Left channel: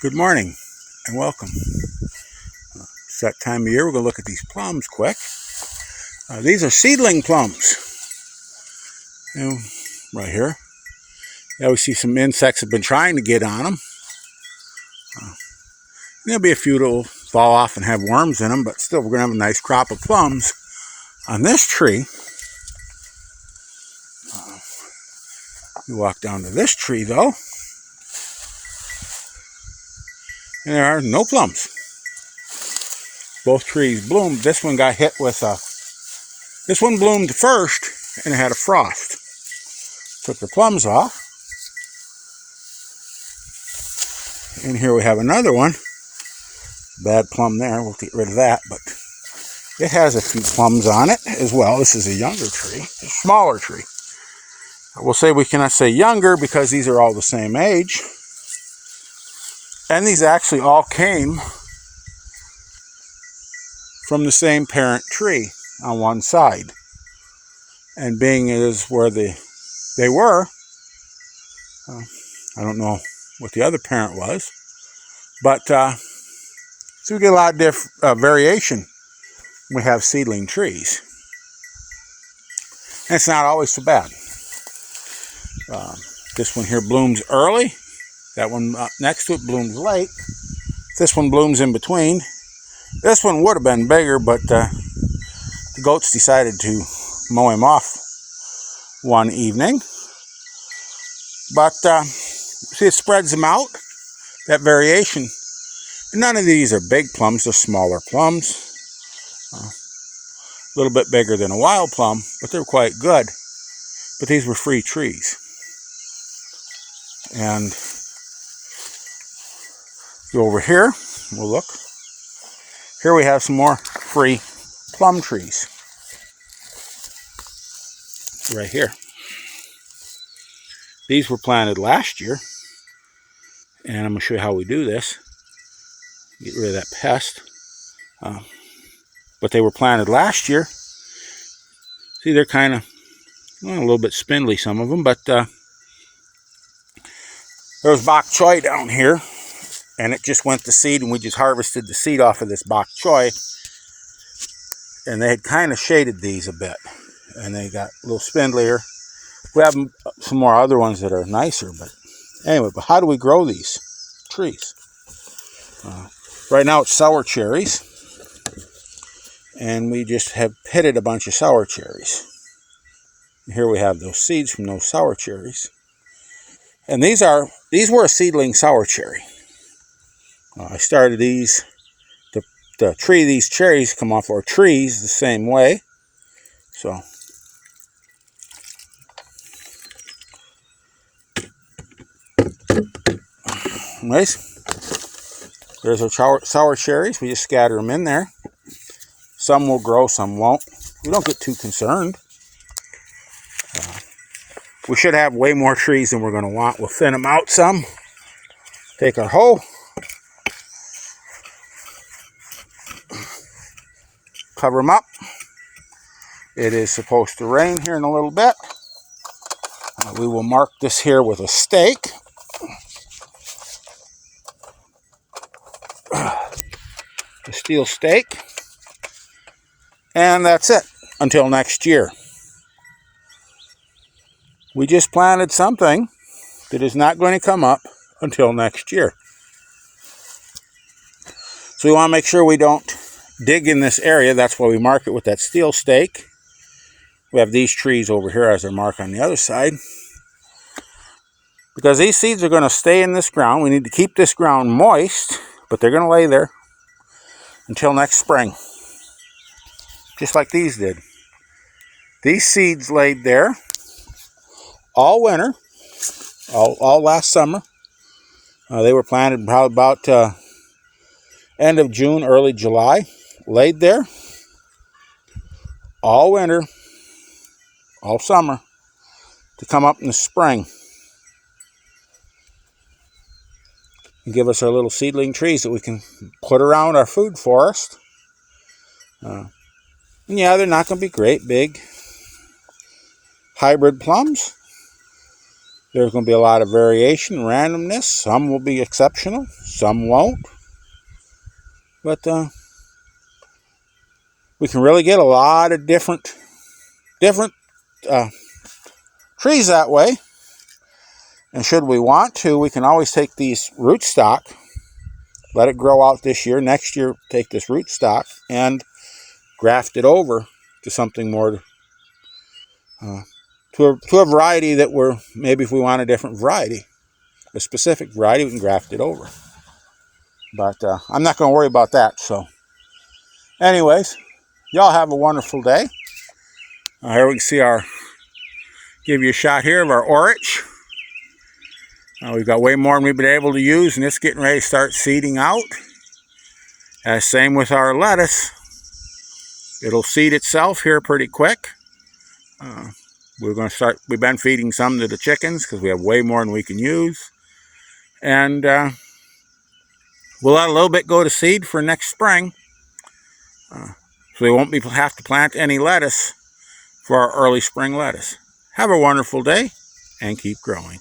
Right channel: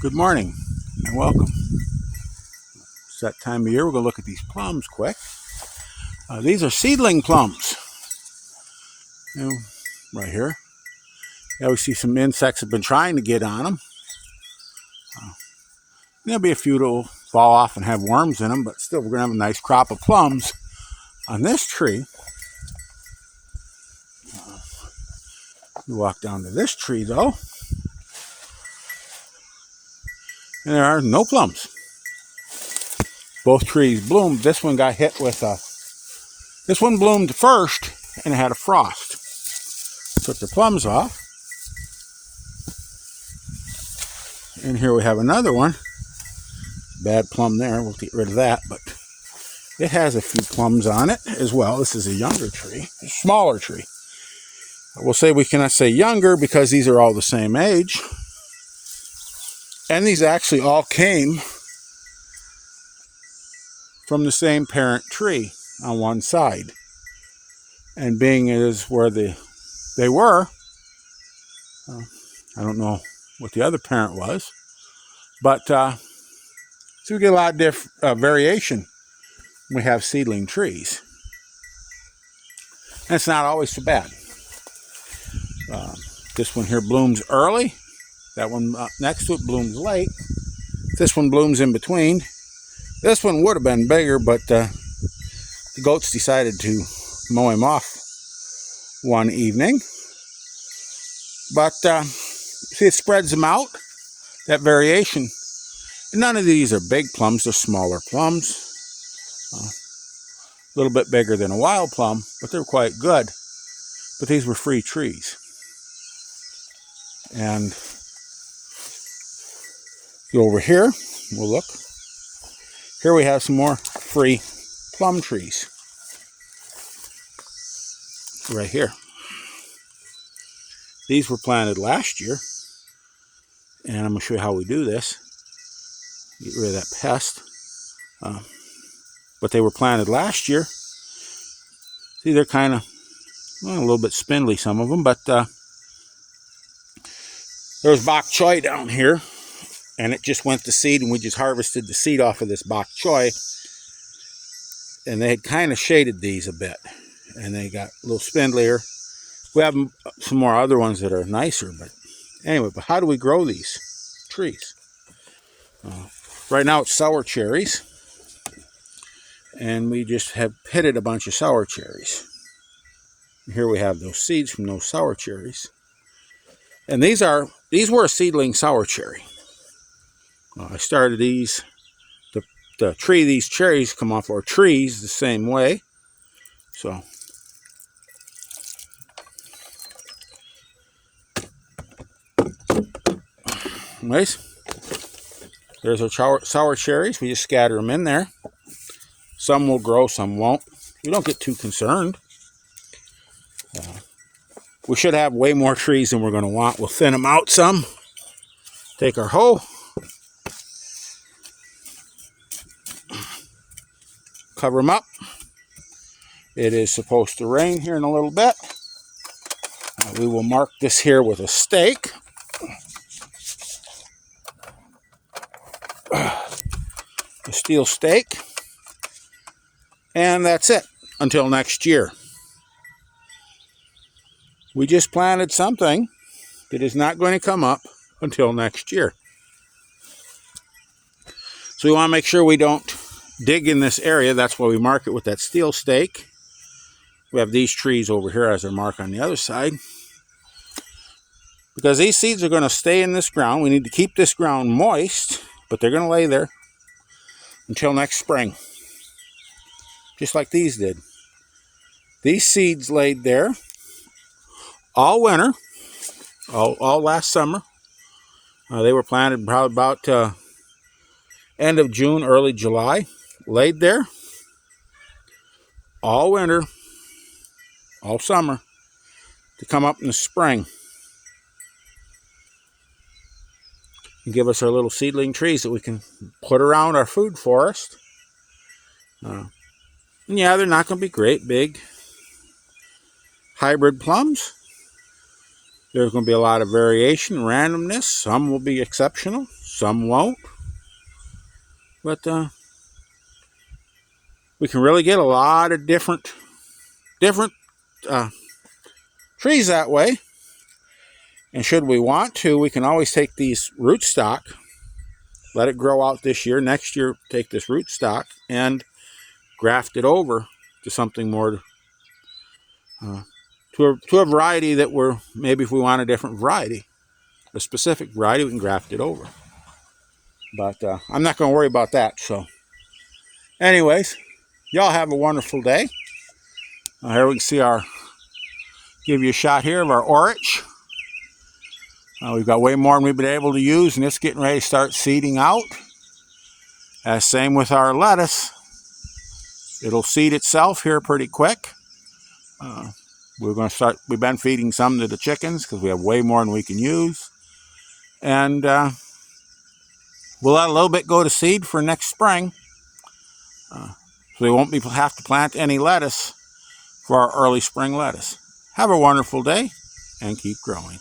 Good morning and welcome. It's that time of year. We're going to look at these plums quick. These are seedling plums. Right here. Yeah, we see some insects have been trying to get on them. There'll be a few that will fall off and have worms in them, but still we're going to have a nice crop of plums on this tree. We walk down to this tree though, and there are no plums. Both trees bloomed. This one got hit with this one bloomed first and it had a frost. Took the plums off. And here we have another one. Bad plum there. We'll get rid of that, but it has a few plums on it as well. This is a younger tree, a smaller tree. We'll say we cannot say younger because these are all the same age. And these actually all came from the same parent tree on one side. And being is where they were, I don't know what the other parent was, but so we get a lot of variation when we have seedling trees. And it's not always so bad. This one here blooms early. That one next to it blooms late. This one blooms in between. This one would have been bigger, but the goats decided to mow him off one evening. But see, it spreads them out, that variation. And none of these are big plums, they're smaller plums. A little bit bigger than a wild plum, but they're quite good. But these were free trees. And over here, we'll look. Here we have some more free plum trees. Right here. These were planted last year. And I'm going to show you how we do this. Get rid of that pest. But they were planted last year. See, they're kind of a little bit spindly, some of them, but there's bok choy down here, and it just went to seed, and we just harvested the seed off of this bok choy, and they had kind of shaded these a bit, and they got a little spindlier. We have some more other ones that are nicer, but anyway, but how do we grow these trees? Right now it's sour cherries, and we just have pitted a bunch of sour cherries. Here we have those seeds from those sour cherries. And these were a seedling sour cherry. I started these, the tree these cherries come off, or trees, the same way. So, nice. There's our sour cherries. We just scatter them in there. Some will grow, some won't. We don't get too concerned. We should have way more trees than we're going to want. We'll thin them out some. Take our hoe. Cover them up. It is supposed to rain here in a little bit. We will mark this here with a stake. A steel stake. And that's it until next year. We just planted something that is not going to come up until next year. So we want to make sure we don't dig in this area. That's why we mark it with that steel stake. We have these trees over here as a mark on the other side. Because these seeds are going to stay in this ground. We need to keep this ground moist, but they're going to lay there until next spring. Just like these did. These seeds laid there all winter, all last summer. They were planted probably about end of June, early July. Laid there all winter, all summer, to come up in the spring and give us our little seedling trees that we can put around our food forest. And yeah, they're not going to be great big hybrid plums, There's going to be a lot of variation, randomness. Some will be exceptional, some won't. But we can really get a lot of different trees that way. And should we want to, we can always take these rootstock, let it grow out this year. Next year, take this rootstock and graft it over to something more, to a variety that maybe if we want a different variety, a specific variety, we can graft it over. But I'm not going to worry about that. So anyways, y'all have a wonderful day. Here we can see give you a shot here of our orich. We've got way more than we've been able to use, and it's getting ready to start seeding out. Same with our lettuce. It'll seed itself here pretty quick. We've been feeding some to the chickens because we have way more than we can use. And we'll let a little bit go to seed for next spring. So we won't have to plant any lettuce for our early spring lettuce. Have a wonderful day and keep growing.